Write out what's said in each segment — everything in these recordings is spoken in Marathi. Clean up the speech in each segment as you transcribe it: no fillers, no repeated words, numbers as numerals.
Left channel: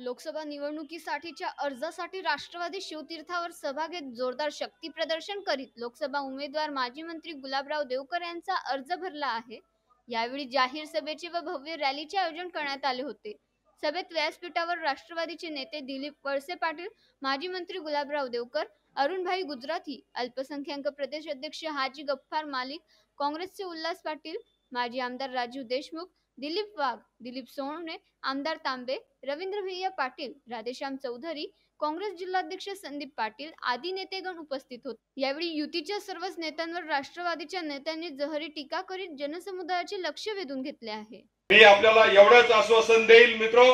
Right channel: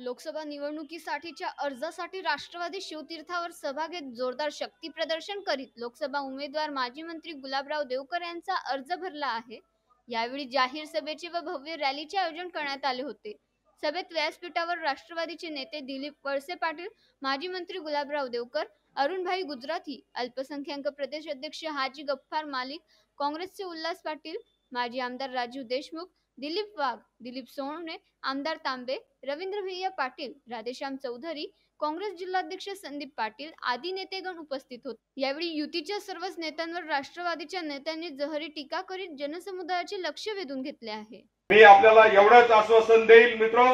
लोकसभा निवडणुकीसाठीच्या अर्जासाठी राष्ट्रवादी शिवतीर्थावर सभा घेत जोरदार शक्ती प्रदर्शन करीत लोकसभा उमेदवार माजी मंत्री गुलाबराव देवकर यांचा अर्ज भरला आहे। यावेळी जाहीर सभेचे व भव्य रॅलीचे आयोजन करण्यात आले होते। सभेत व्यासपीठावर राष्ट्रवादीचे नेते दिलीप वळसे पाटील, माजी मंत्री गुलाबराव देवकर, अरुणभाई गुजराथी, अल्पसंख्याक प्रदेश अध्यक्ष हाजी गफ्फार मालिक, काँग्रेसचे उल्हास पाटील, माजी आमदार राजू देशमुख, दिलीप वाघ, दिलीप सोहणे, आमदार तांबे, रवींद्र भैया पाटील, राधेश्याम चौधरी, काँग्रेस जिल्हाध्यक्ष संदीप पाटील आदी नेतेगण उपस्थित होते। यावेळी युतीच्या सर्वच नेत्यांवर राष्ट्रवादीच्या नेत्यांनी जहरी टीका करीत जनसमुदायाचे लक्ष वेधून घेतले आहे। मी आपल्याला एवढंच आश्वासन देईल मित्रो,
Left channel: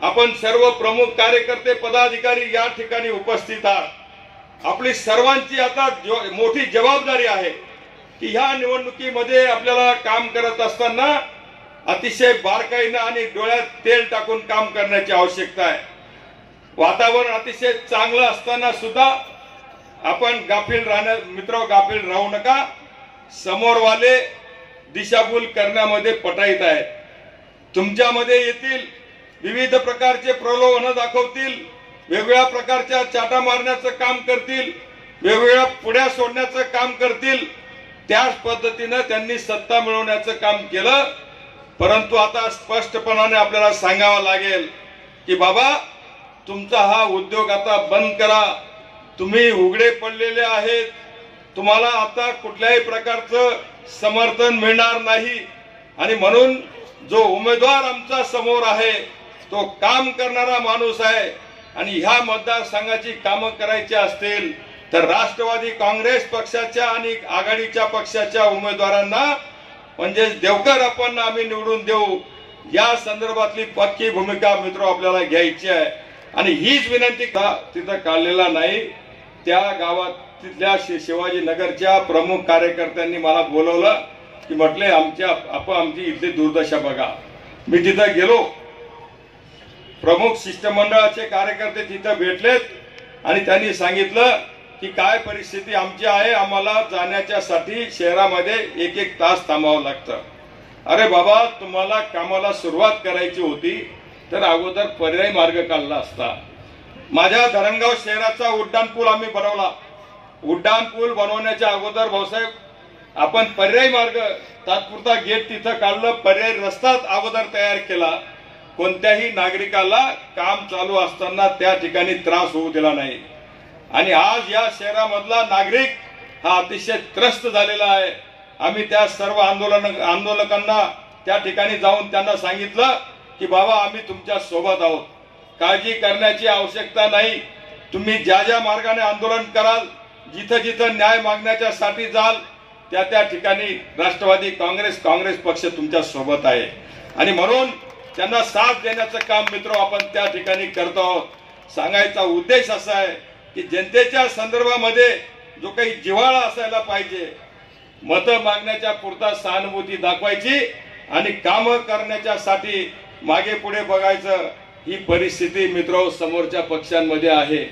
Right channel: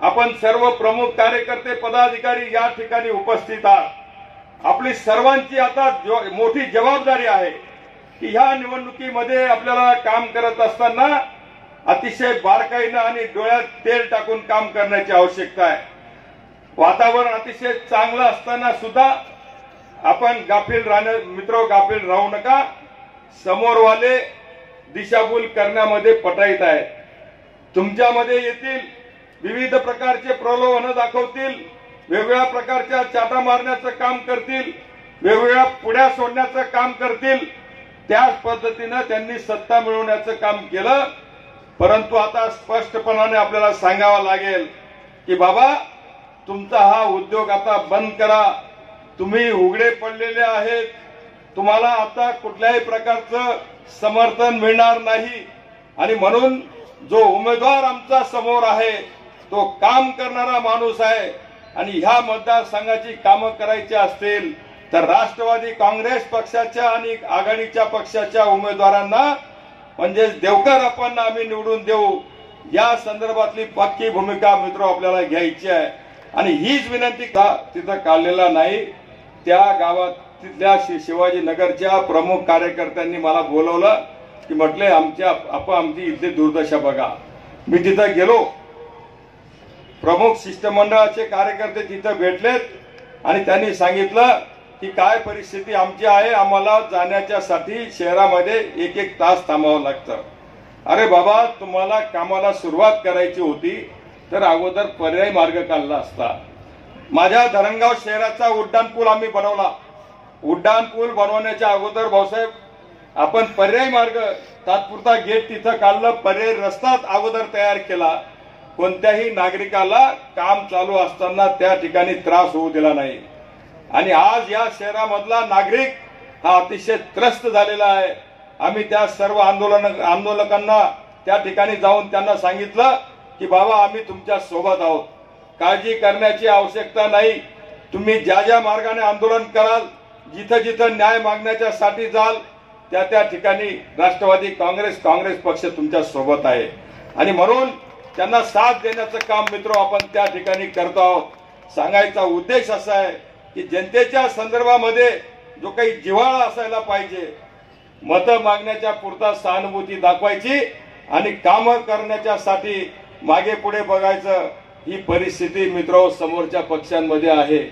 आपण सर्व प्रमुख कार्यकर्ते पदाधिकारी या ठिकाणी उपस्थित आहात। आपली सर्वांची आता मोठी जबाबदारी आहे की ह्या निवडणुकीमध्ये आपल्याला काम करत असताना अतिशय बारकाईने आणि डोळ्यात तेल टाकून काम करण्याची आवश्यकता आहे। वातावरण अतिशय चांगलं असताना सुद्धा आपण गाफील गाफील राहू नका। समोरवाले दिशाभूल करण्यामध्ये पटाईत आहेत। तुमच्यामध्ये येतील विविध प्रकारचे प्रलोभन दाखवतील, वेगवेगळ्या प्रकारच्या चाटा मारण्याचं काम करतील, वेगवेगळ्या पुढ्या सोडण्याचं काम करतील। त्याच पद्धतीने त्यांनी सत्ता मिळवण्याचं काम केलं। परंतु आता स्पष्टपणाने आपल्याला सांगावं लागेल की बाबा, तुमचा हा उद्योग आता बंद करा। तुम्ही उघडे पडलेले आहेत, तुम्हाला आता कुठल्याही प्रकारचं समर्थन मिळणार नाही। आणि म्हणून जो उमेदवार आमचा समोर आहे तो काम करणारा माणूस आहे। आणि ह्या मतदारसंघाची कामं करायची असतील तर राष्ट्रवादी काँग्रेस पक्षाच्या आणि आघाडीच्या पक्षाच्या उमेदवारांना म्हणजे देवकर आपण आम्ही निवडून देऊ, या संदर्भातली पक्की भूमिका मित्र आपल्याला घ्यायची आहे। आणि हीच विनंती तिथं काढलेला नाही। त्या गावात तिथल्या शिवाजीनगरच्या प्रमुख कार्यकर्त्यांनी मला बोलवलं की म्हटले आमची इथली दुर्दशा बघा। मी तिथं गेलो, प्रमुख शिष्टमंडळाचे कार्यकर्ते तिथं भेटलेत आणि त्यांनी सांगितलं की काय परिस्थिती आमची आहे, आम्हाला जाण्याच्यासाठी शहरामध्ये एक तास थांबावं लागतं। अरे बाबा, तुम्हाला कामाला सुरुवात करायची होती तर अगोदर पर्यायी मार्ग काढला असता। माझ्या धरणगाव शहराचा उड्डाणपूल आम्ही बनवला। उड्डाणपूल बनवण्याच्या अगोदर भाऊसाहेब आपण पर्यायी मार्ग, तात्पुरता गेट तिथं काढलं, पर्यायी रस्ता अगोदर तयार केला। कोणत्याही नागरिकाला काम चालू असताना त्या ठिकाणी त्रास होऊ दिला नाही। आणि आज या शहरामधला नागरिक हा अतिशय त्रस्त झालेला आहे। आम्ही त्या सर्व आंदोलकांना त्या ठिकाणी जाऊन त्यांना सांगितलं की बाबा, आम्ही तुमच्या सोबत आहोत, काळजी करण्याची आवश्यकता नाही। तुम्ही ज्या ज्या मार्गाने आंदोलन कराल, जिथं जिथं न्याय मागण्याच्या साठी जाल, त्या ठिकाणी राष्ट्रवादी काँग्रेस पक्ष तुमच्या सोबत आहे। आणि म्हणून त्यांना साथ देण्याचं काम मित्र आपण त्या ठिकाणी करतो आहोत। सांगायचा उद्देश असा आहे की जनतेच्या संदर्भामध्ये जो काही जिव्हाळा असायला पाहिजे, मतं मागण्याच्या पुरता सहानुभूती दाखवायची आणि काम करण्याच्यासाठी मागे पुढे बघायचं, ही परिस्थिती मित्र समोरच्या पक्षांमध्ये आहे।